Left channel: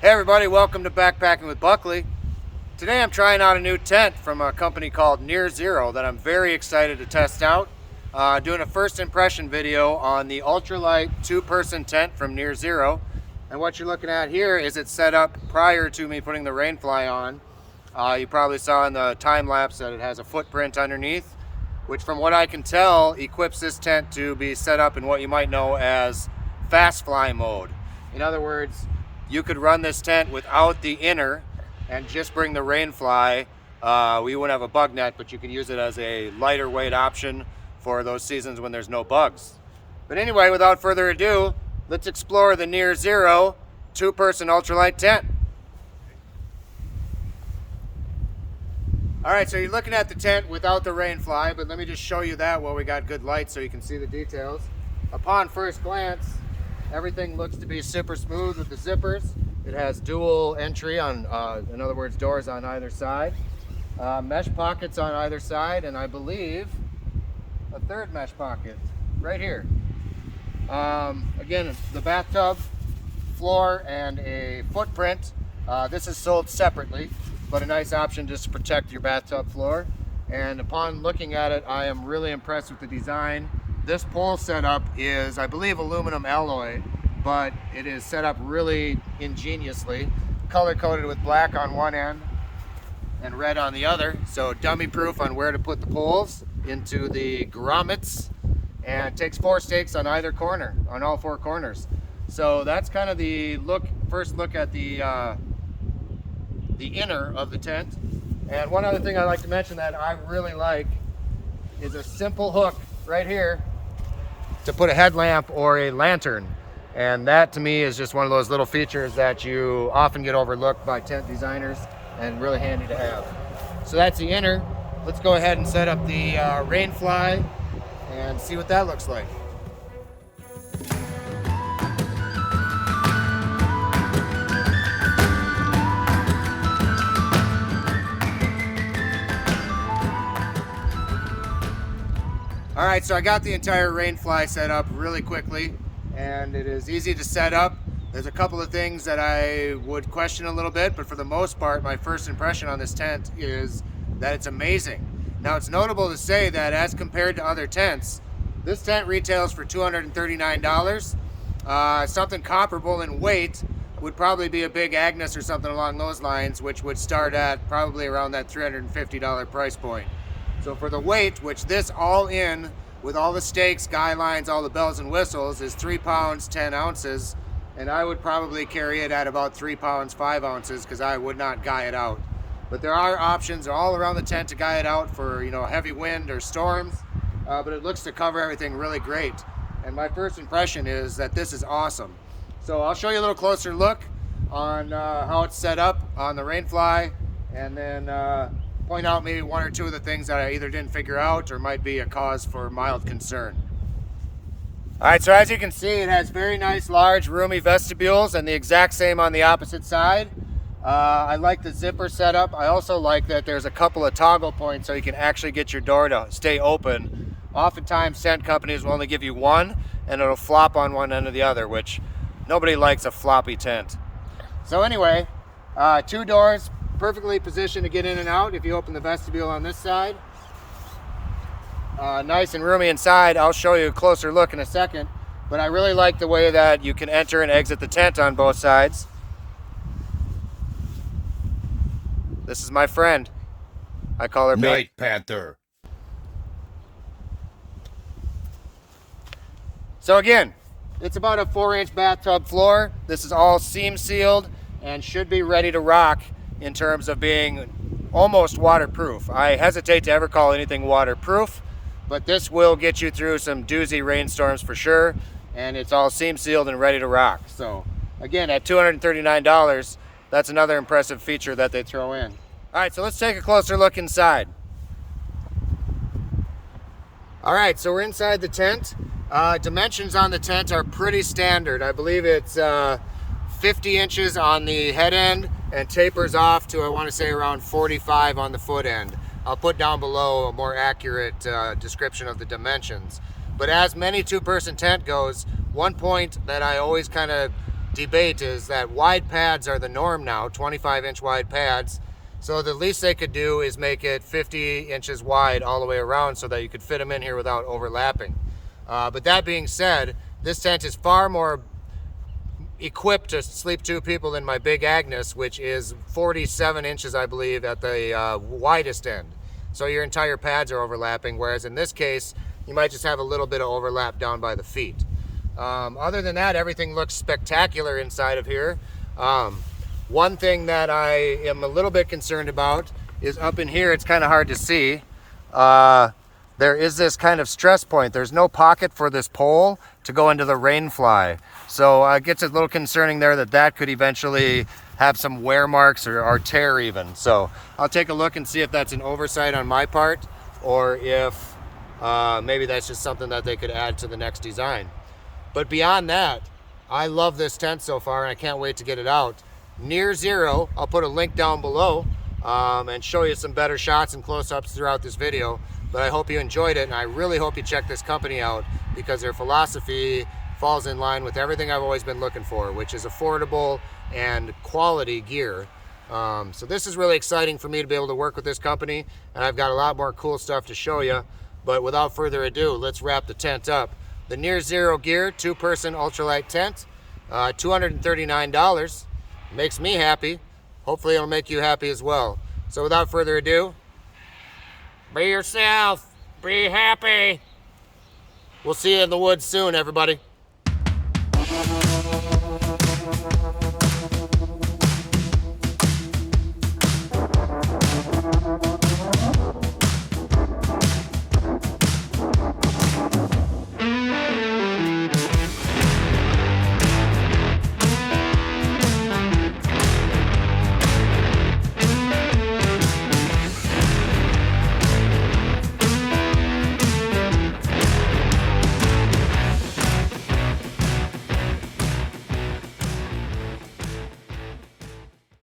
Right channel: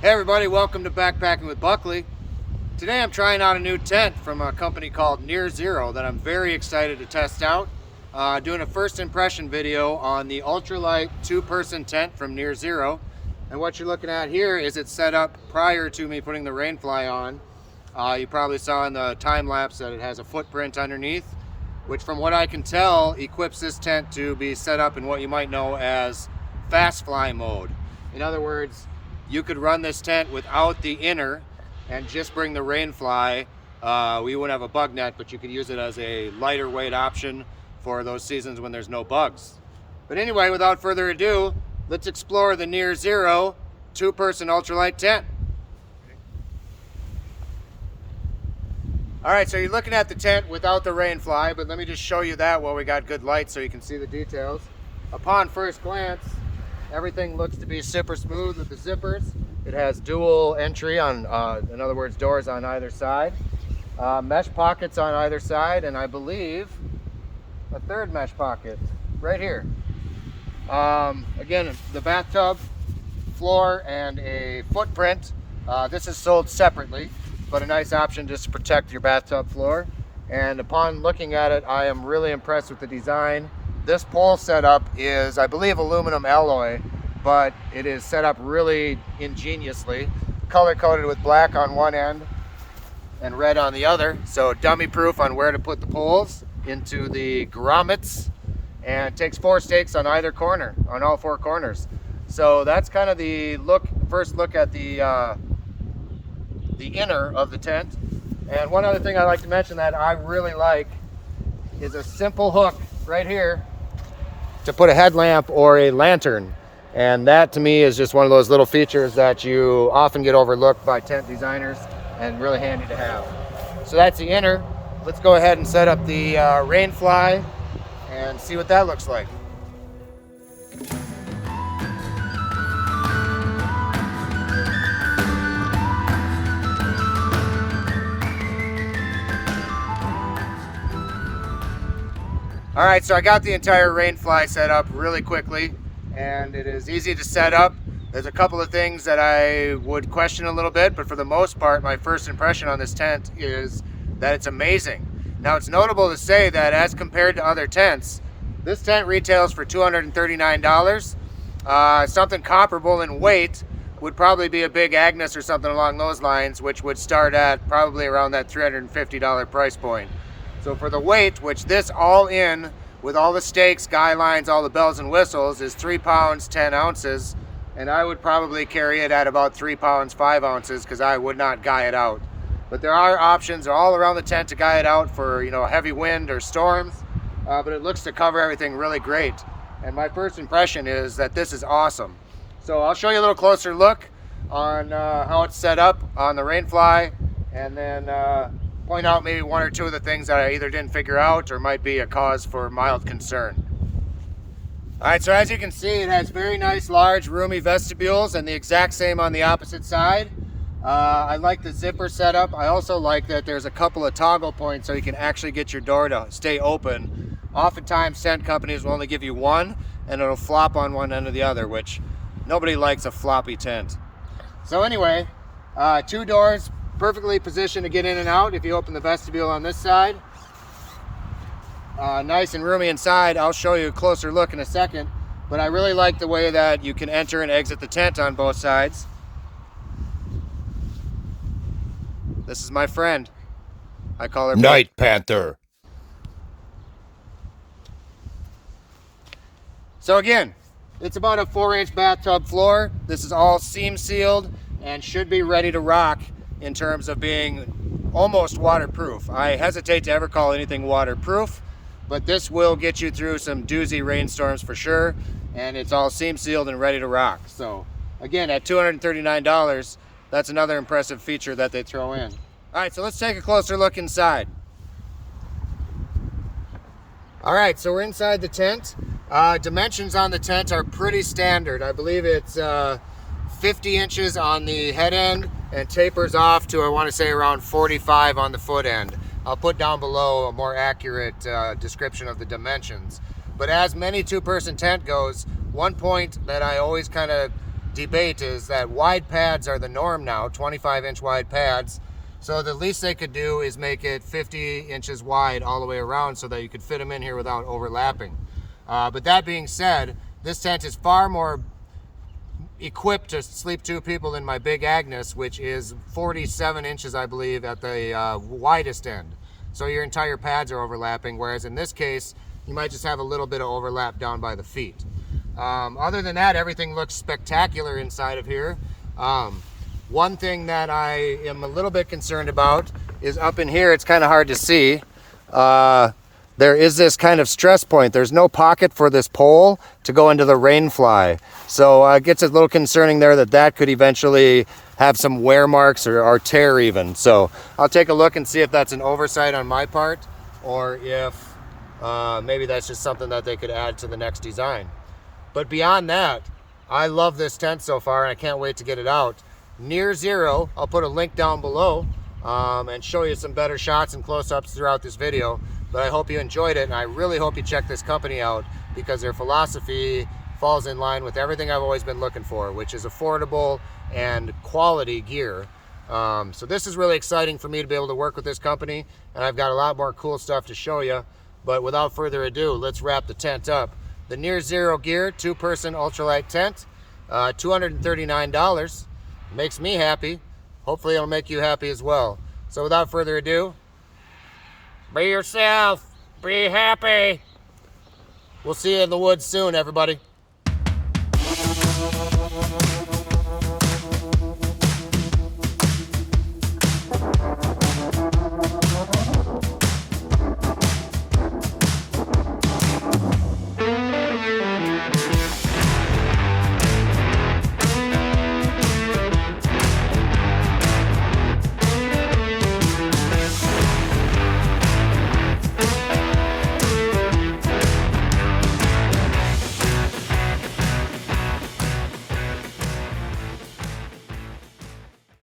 Hey everybody, welcome to Backpacking with Buckley. Today I'm trying out a new tent from a company called Near Zero that I'm very excited to test out. Doing a first impression video on the ultralight two-person tent from Near Zero. And what you're looking at here is it's set up prior to me putting the Rainfly on. You probably saw in the time lapse that it has a footprint underneath, which from what I can tell equips this tent to be set up in what you might know as fast fly mode. In other words, you could run this tent without the inner and just bring the Rainfly. We wouldn't have a bug net, but you could use it as a lighter weight option for those seasons when there's no bugs. But anyway, without further ado, let's explore the Near Zero two-person ultralight tent. All right, so you're looking at the tent without the Rainfly, but let me just show you that while we got good light so you can see the details. Upon first glance, everything looks to be super smooth with the zippers. It has dual entry on, in other words, doors on either side. Mesh pockets on either side, and I believe a third mesh pocket right here. Again, the bathtub, floor, and a footprint. This is sold separately, but a nice option just to protect your bathtub floor. And upon looking at it, I am really impressed with the design. This pole setup is, I believe, aluminum alloy, but it is set up really ingeniously. Color coded with black on one end and red on the other. So dummy proof on where to put the poles into the grommets, and takes 4 stakes on either corner, on all 4 corners. So that's kind of the first look at the inner of the tent. And one other thing I'd like to mention that I really like is a simple hook right here to put a headlamp or a lantern. And that to me is just one of those little features that you often get overlooked by tent designers and really handy to have. So that's the inner. Let's go ahead and set up the Rainfly and see what that looks like. All right, so I got the entire Rainfly set up really quickly, and it is easy to set up. There's a couple of things that I would question a little bit, but for the most part, my first impression on this tent is that it's amazing. Now, it's notable to say that as compared to other tents, this tent retails for $239. Something comparable in weight would probably be a big Agnes or something along those lines, which would start at probably around that $350 price point. So for the weight, which this all in with all the stakes, guy lines, all the bells and whistles, is 3 pounds 10 ounces, and I would probably carry it at about 3 pounds 5 ounces because I would not guy it out. But there are options all around the tent to guy it out for, you know, heavy wind or storms, but it looks to cover everything really great. And my first impression is that this is awesome. So I'll show you a little closer look on how it's set up on the Rainfly, and then point out maybe 1 or 2 of the things that I either didn't figure out or might be a cause for mild concern. All right, so as you can see, it has very nice, large, roomy vestibules, and the exact same on the opposite side. I like the zipper setup. I also like that there's a couple of toggle points so you can actually get your door to stay open. Oftentimes, tent companies will only give you one, and it'll flop on one end or the other, which nobody likes a floppy tent. So anyway, 2 doors, perfectly positioned to get in and out if you open the vestibule on this side. Nice and roomy inside. I'll show you a closer look in a second, but I really like the way that you can enter and exit the tent on both sides. This is my friend. I call her Night Panther. So again, it's about a 4-inch bathtub floor. This is all seam sealed and should be ready to rock in terms of being almost waterproof. I hesitate to ever call anything waterproof, but this will get you through some doozy rainstorms for sure, and it's all seam sealed and ready to rock. So again, at $239, that's another impressive feature that they throw in. All right, so let's take a closer look inside. All right, so we're inside the tent. Dimensions on the tent are pretty standard. I believe it's 50 inches on the head end and tapers off to, I want to say, around 45 on the foot end. I'll put down below a more accurate description of the dimensions. But as many two-person tent goes, one point that I always kind of debate is that wide pads are the norm now, 25-inch wide pads. So the least they could do is make it 50 inches wide all the way around so that you could fit them in here without overlapping. But that being said, this tent is far more equipped to sleep 2 people than my Big Agnes, which is 47 inches, I believe, at the widest end. So your entire pads are overlapping, whereas in this case, you might just have a little bit of overlap down by the feet. Other than that, everything looks spectacular inside of here. One thing that I am a little bit concerned about is up in here, it's kind of hard to see. There is this kind of stress point. There's no pocket for this pole to go into the Rainfly. So it gets a little concerning there that could eventually have some wear marks or tear even. So I'll take a look and see if that's an oversight on my part, or if maybe that's just something that they could add to the next design. But beyond that, I love this tent so far and I can't wait to get it out. Near Zero, I'll put a link down below and show you some better shots and close-ups throughout this video. But I hope you enjoyed it, and I really hope you check this company out, because their philosophy falls in line with everything I've always been looking for, which is affordable and quality gear. So this is really exciting for me to be able to work with this company, and I've got a lot more cool stuff to show you. But without further ado, let's wrap the tent up. The Near Zero Gear 2-person ultralight tent, $239. Makes me happy. Hopefully it'll make you happy as well. So without further ado, be yourself. Be happy. We'll see you in the woods soon, everybody.